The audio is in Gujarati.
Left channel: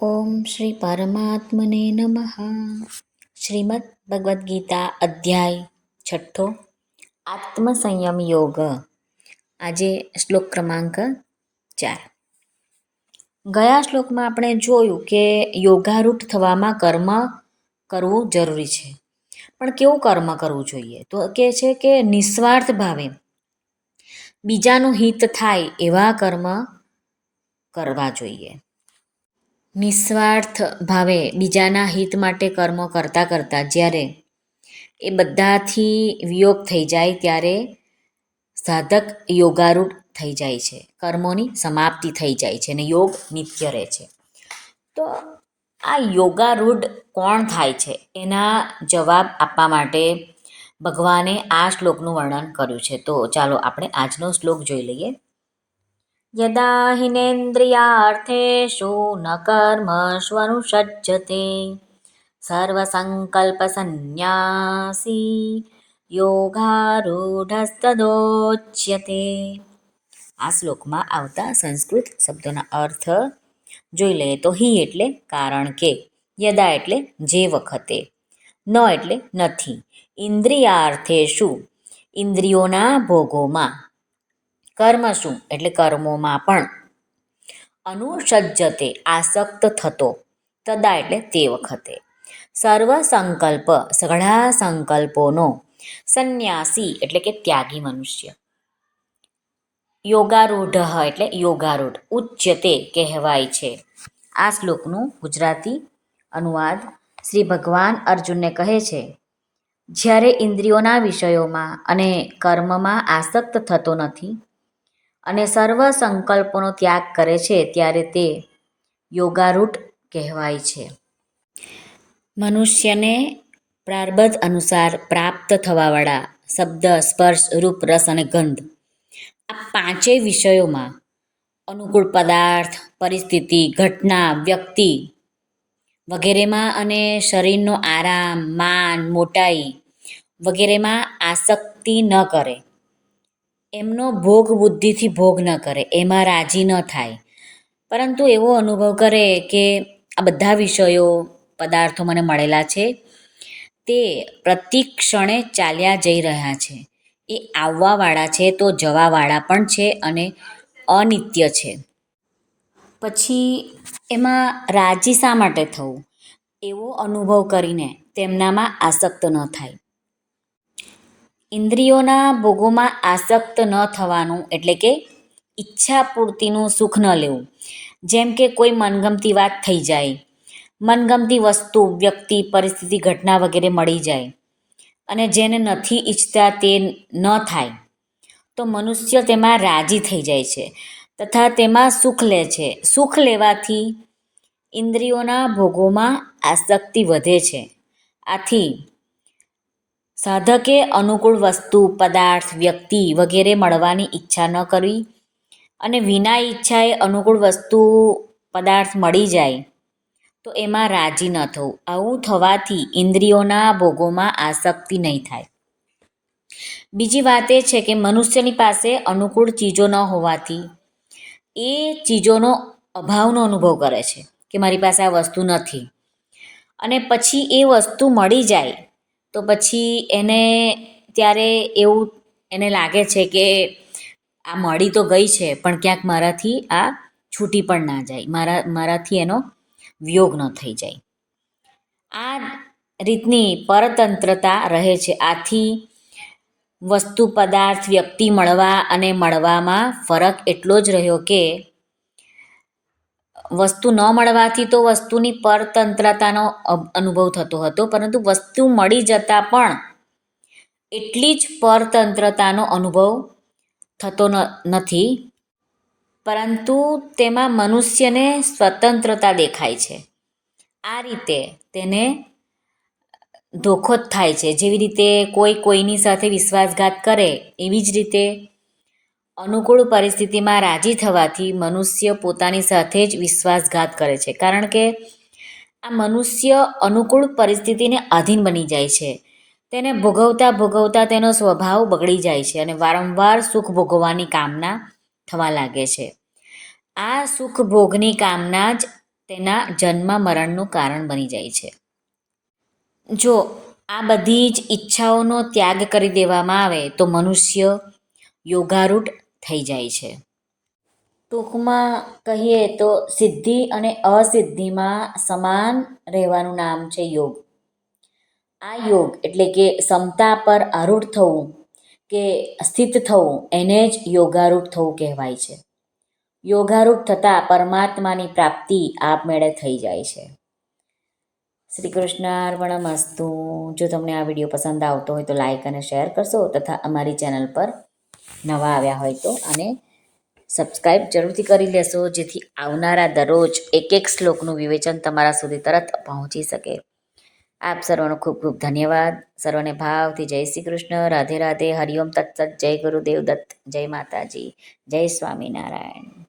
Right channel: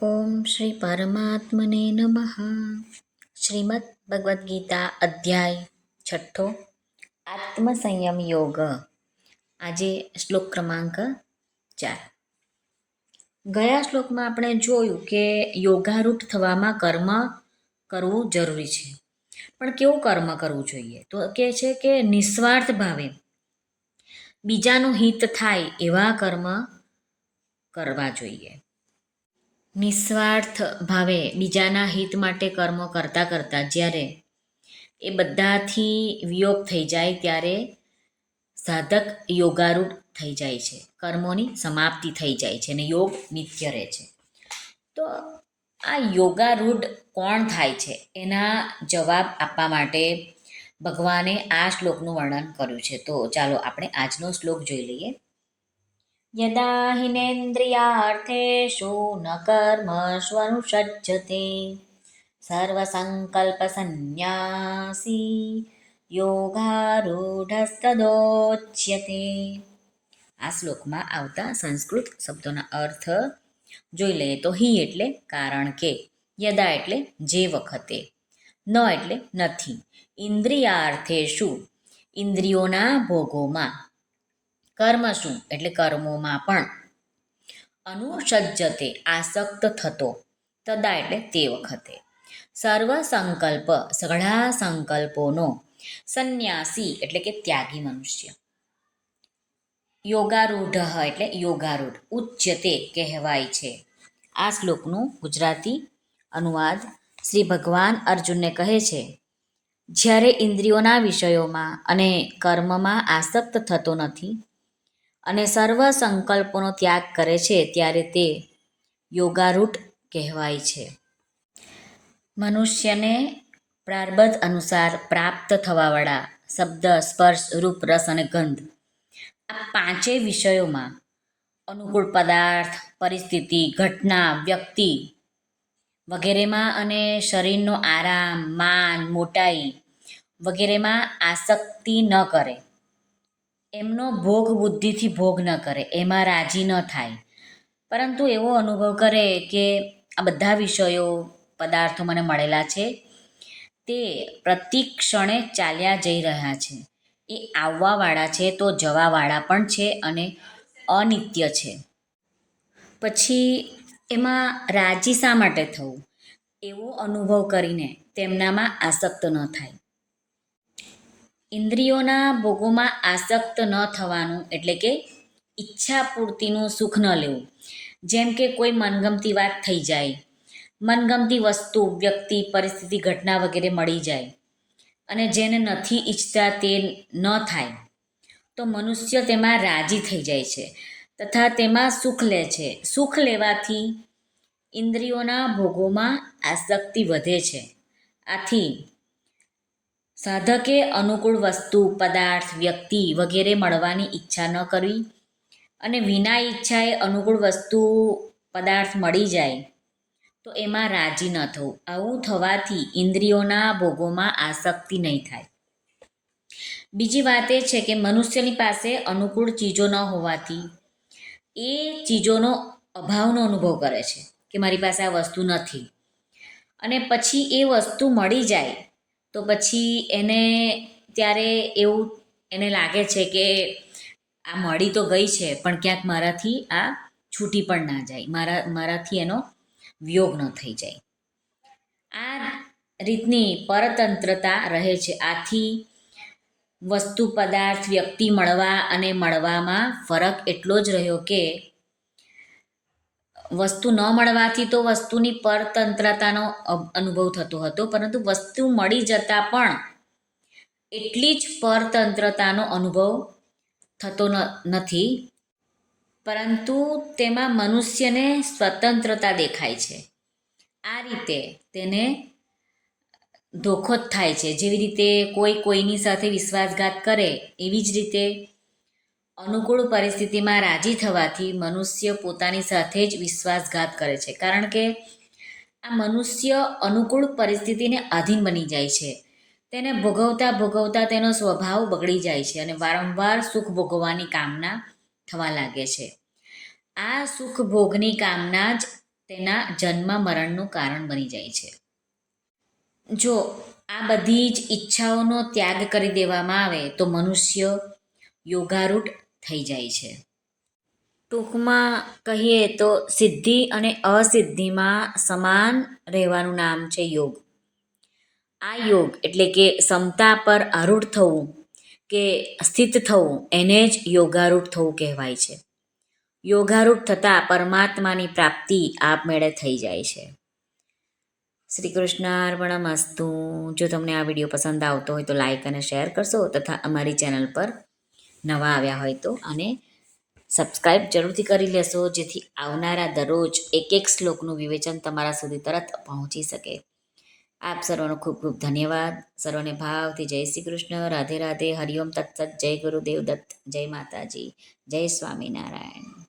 ઓમ શ્રી પરમાત્મને નમઃ શ્રીમદ ભગવદ્ ગીતા અધ્યાય છઠ્ઠો આત્મસંયમ યોગ આજે શ્લોક ક્રમાંક ચાર ગયા શ્લોકમાં આપણે જોયું કે યોગારૂઢ થવામાં કર્મ કરવું જરૂરી છે, પણ કેવું કર્મ કરવું જોઈએ? તો કે છે કે નિસ્વાર્થ ભાવે બીજાનું હિત થાય એવા કર્મ કરવા જોઈએ. નિસ્વાર્થ ભાવે બીજાના હિત માટે કર્મો કરતાં કરતાં જ્યારે એ બધાથી વિયોગ થઈ જાય ત્યારે સાધક યોગારૂઢ થઈ જાય છે. કર્મોની સમાપ્તિ થઈ જાય છે અને યોગ નિત્ય રહે છે. તો આ યોગારૂઢ કોણ થાય છે? એના જવાબ આપવા માટે ભગવાને આ શ્લોકનું વર્ણન કર્યું છે. તો ચાલો આપણે આજનો શ્લોક જોઈ લઈએ. યદા હિનેન્દ્રિયાર્થેષુ ન કર્મષ્વનુષજ્જતે સર્વસંકલ્પસન્ન્યાસી યોગારૂઢસ્તદોચ્યતે આ શ્લોકમાં આવતા સંસ્કૃત શબ્દોના અર્થ જોઈ લઈએ તો હિ એટલે કારણ કે, યદા એટલે જે વખતે, ન એટલે નથી. ઇન્દ્રિયાર્થેષુ ઇન્દ્રિયોના ભોગોમાં કર્મ શું? એટલે કર્મોમાં પણ. અનુસજ્જતે આસક્ત થતો, તદા એટલે તે વખતે. સર્વ સંકલ્પ સઘળા સંકલ્પોનો સંન્યાસી એટલે કે ત્યાગી મનુષ્ય. યોગારૂઢ એટલે યોગારૂઢ ઉચ્યતે કહેવાય છે. આ શ્લોકનું ગુજરાતી અનુવાદ શ્રી ભગવાન અર્જુનને કહે છે. જ્યારે ઇન્દ્રિયોના વિષયોમાં અને કર્મમાં આસક્ત થતો નથી અને સર્વ સંકલ્પોનો ત્યાગ કરે છે ત્યારે તે યોગારૂઢ કહેવાય છે. મનુષ્યને પ્રારબ્ધ અનુસાર પ્રાપ્ત થવાવાળા શબ્દ, સ્પર્શ, રૂપ, રસ અને ગંધ આ પાંચેય વિષયોમાં અનુકૂળ પદાર્થ, પરિસ્થિતિ, ઘટના, વ્યક્તિ વગેરેમાં અને શરીરનો આરામ, માન, મોટાઈ વગેરેમાં આસક્તિ ન કરે. એમનો ભોગ બુદ્ધિથી ભોગ ન કરે, એમાં રાજી ન થાય. પરંતુ એવો અનુભવ કરે કે આ બધા વિષયો, પદાર્થો મને મળેલા છે, તે પ્રતિક્ષણે ચાલ્યા જઈ રહ્યા છે. એ આવવાવાળા છે તો જવાવાળા પણ છે અને અનિત્ય છે. પછી એમાં રાજી શા માટે થવું? એવો અનુભવ કરીને તેમનામાં આસક્ત ન થાય. ઇન્દ્રિયોના ભોગોમાં આસક્ત ન થવાનું એટલે કે ઈચ્છા પૂર્તિનું સુખ ન લેવું. જેમ કે કોઈ મનગમતી વાત થઈ જાય, મનગમતી વસ્તુ, વ્યક્તિ, પરિસ્થિતિ, ઘટના વગેરે મળી જાય અને જેને નથી ઈચ્છતા તે ન થાય, તો મનુષ્ય તેમાં રાજી થઈ જાય છે તથા તેમાં સુખ લે છે. સુખ લેવાથી ઇન્દ્રિયોના ભોગોમાં આસક્તિ વધે છે. આથી સાધકે અનુકૂળ વસ્તુ, પદાર્થ, વ્યક્તિ વગેરે મળવાની ઈચ્છા ન કરવી અને વિના ઈચ્છાએ અનુકૂળ વસ્તુ, પદાર્થ મળી જાય, તો એમાં રાજી ન થવું. આવું થવાથી ઇન્દ્રિયોના ભોગોમાં આસક્તિ નહીં થાય. બીજી વાત એ છે કે મનુષ્યની પાસે અનુકૂળ ચીજો ન હોવાથી એ ચીજોનો અભાવનો અનુભવ કરે છે કે મારી પાસે આ વસ્તુ નથી. અને પછી એ વસ્તુ મળી જાય તો પછી એને ત્યારે એવું એને લાગે છે કે આ મળી તો ગઈ છે, પણ ક્યાંક મારાથી આ છૂટી પણ ના જાય. મારા, મારાથી એનો વિયોગ ન થઈ જાય. આ રીતની પરતંત્રતા રહે છે. આથી વસ્તુ પદાર્થ વ્યક્તિ મળવા અને મળવામાં ફરક એટલો જ રહ્યો કે વસ્તુ ન મળવાથી તો વસ્તુની પરતંત્રતાનો અનુભવ થતો હતો. પરંતુ વસ્તુ મળી જતાં પણ એટલી જ પરતંત્રતાનો અનુભવ થતો નથી. પરંતુ તેમાં મનુષ્યને સ્વતંત્રતા દેખાય છે. આ રીતે તેને ધોખો જ થાય છે. જેવી રીતે કોઈ કોઈની સાથે વિશ્વાસઘાત કરે, એવી જ રીતે અનુકૂળ પરિસ્થિતિમાં રાજી થવાથી મનુષ્ય પોતાની સાથે જ વિશ્વાસઘાત કરે છે. કારણ કે આ મનુષ્ય અનુકૂળ પરિસ્થિતિને આધીન બની જાય છે. તેને ભોગવતા ભોગવતા તેનો સ્વભાવ બગડી જાય છે અને વારંવાર સુખ ભોગવવાની કામના થવા લાગે છે. આ સુખ ભોગની કામના જ તેના જન્મ મરણનું કારણ બની જાય છે. જો આ બધી જ ઈચ્છાઓનો ત્યાગ કરી દેવામાં આવે તો મનુષ્ય યોગારૂઢ થઈ જાય છે. ટૂંકમાં કહીએ તો સિદ્ધિ અને અસિદ્ધિમાં સમાન રહેવાનું નામ છે યોગ. આ યોગ એટલે કે ક્ષમતા પર આરૂઢ થવું કે સ્થિત થવું, એને જ યોગારૂઢ થવું કહેવાય છે. યોગારૂઢ થતાં પરમાત્માની પ્રાપ્તિ આપમેળે થઈ જાય છે. શ્રી કૃષ્ણાર્પણમસ્તુ જો તમને આ વીડિયો પસંદ આવતો હોય તો લાઇક અને શેર કરશો તથા અમારી ચેનલ પર નવા આવ્યા હોય તો અને સબસ્ક્રાઈબ જરૂરથી કરી લેશો, જેથી આવનારા દરરોજ એક એક શ્લોકનું વિવેચન તમારા સુધી તરત પહોંચી શકે. આપ સર્વનો ખૂબ ખૂબ ધન્યવાદ. સર્વને ભાવથી જય શ્રી કૃષ્ણ. રાધે રાધે. હરિઓમ તત્સત. જય ગુરુદેવ દત્ત. જય માતાજી. જય સ્વામિનારાયણ.